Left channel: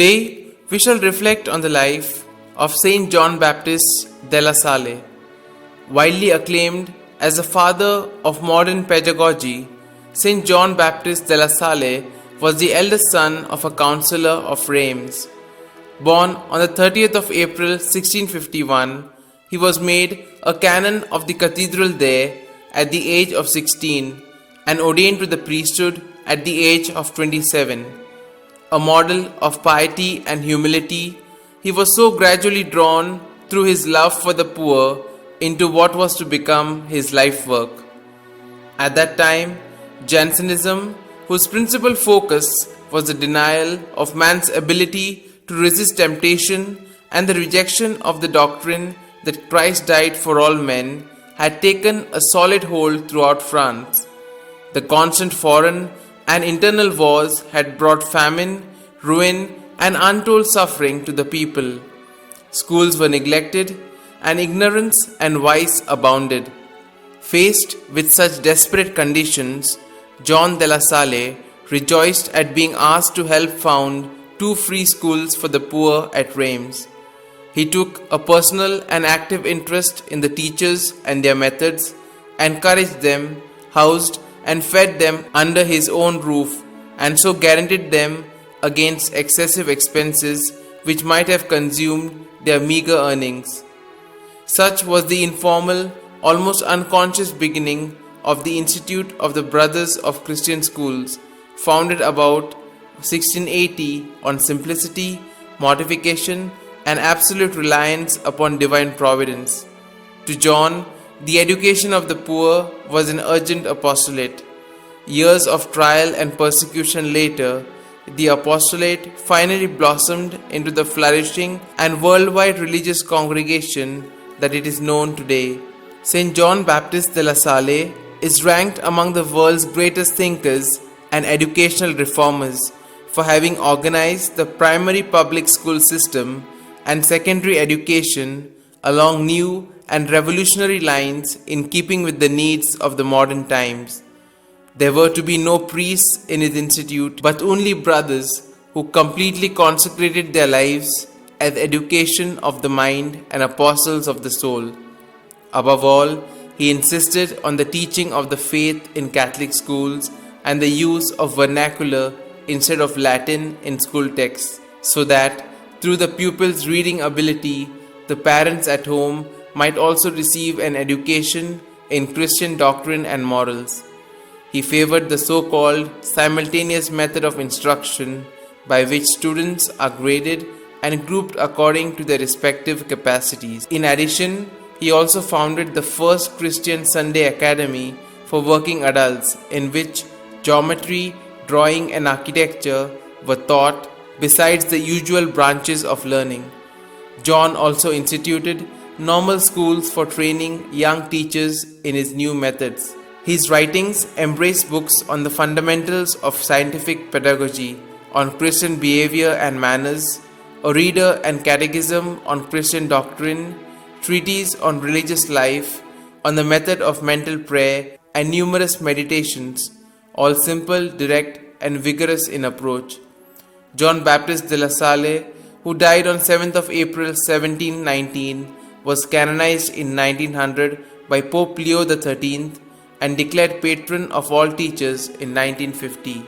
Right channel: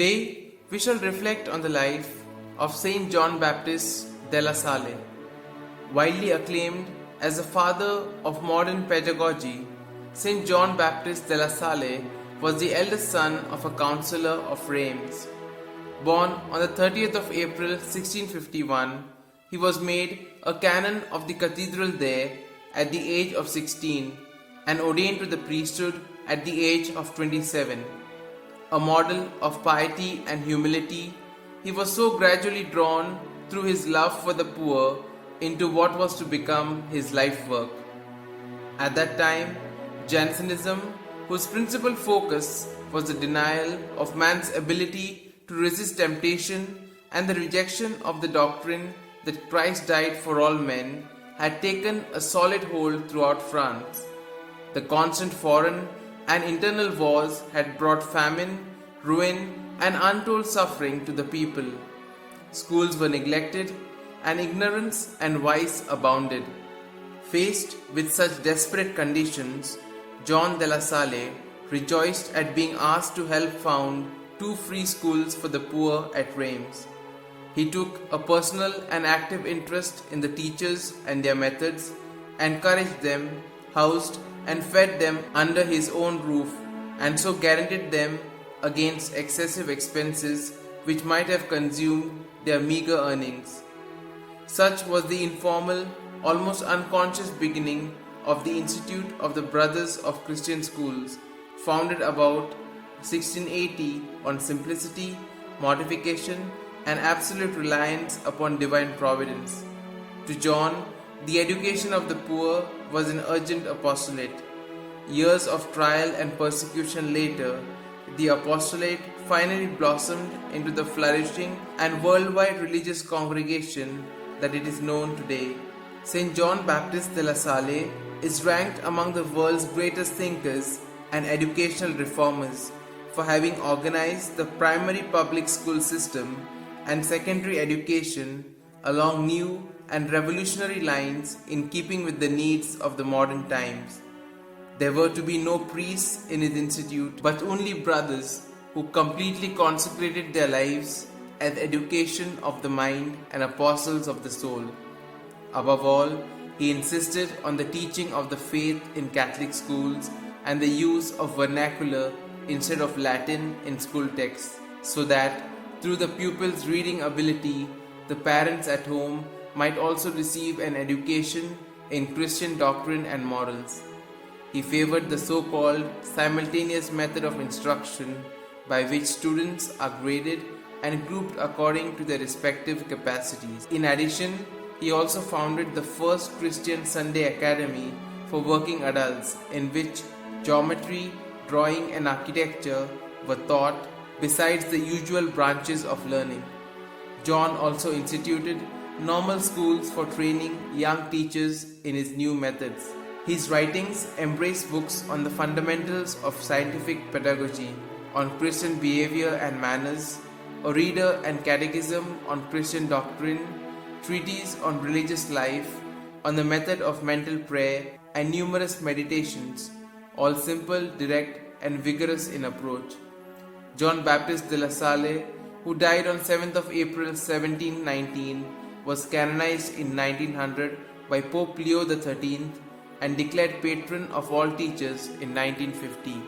Today, we shall reflect on the life of Saint John Baptist de la Salle. Widely acclaimed as the father of modern pedagogy, Saint John Baptist de la Salle was the eldest son of a councillor of Reims. Born on the 30th of April 1651, he was made a canon of the cathedral there at the age of 16 and ordained to the priesthood at the age of 27. A model of piety and humility, he was so gradually drawn through his love for the poor into what was to become his life work. At that time, Jansenism, whose principal focus was the denial of man's ability to resist temptation and the rejection of the doctrine that Christ died for all men, had taken a solid hold throughout France. The constant foreign and internal wars had brought famine, ruin, and untold suffering to the people. Schools were neglected, and ignorance and vice abounded. Faced with such desperate conditions, John de la Salle rejoiced at being asked to help found 2 free schools for the poor at Reims. He took a personal and active interest in the teachers and their methods, encouraged them, housed and fed them under his own roof, and so guaranteed them against excessive expenses which might have consumed their meager earnings. Such was the informal, almost unconscious beginning of the Institute of the Brothers of Christian Schools, founded about 1680 on simplicity, mortification, and absolute reliance upon divine providence. To John, the education of the poor was an urgent apostolate. Years of trial and persecution later, the apostolate finally blossomed into the flourishing and worldwide religious congregation that it is known today. Saint John Baptist de la Salle is ranked among the world's greatest thinkers and educational reformers for having organized the primary public school system and secondary education along new and revolutionary lines in keeping with the needs of the modern times. There were to be no priests in his institute, but only brothers who completely consecrated their lives as education of the mind and apostles of the soul. Above all, he insisted on the teaching of the faith in Catholic schools and the use of vernacular instead of Latin in school texts, so that through the pupils' reading ability, the parents at home might also receive an education in Christian doctrine and morals. He favored the so-called simultaneous method of instruction by which students are graded and grouped according to their respective capacities. In addition, he also founded the first Christian Sunday Academy for working adults in which geometry, drawing and architecture were taught besides the usual branches of learning. John also instituted normal schools for training young teachers in his new methods. His writings embrace books on the fundamentals of scientific pedagogy, on Christian behavior and manners, a reader and catechism on Christian doctrine, treatise on religious life, on the method of mental prayer, and numerous meditations, all simple, direct, and vigorous in approach. John Baptist de la Salle, who died on 7th of April 1719, was canonized in 1900 by Pope Leo XIII and declared patron of all teachers in 1950.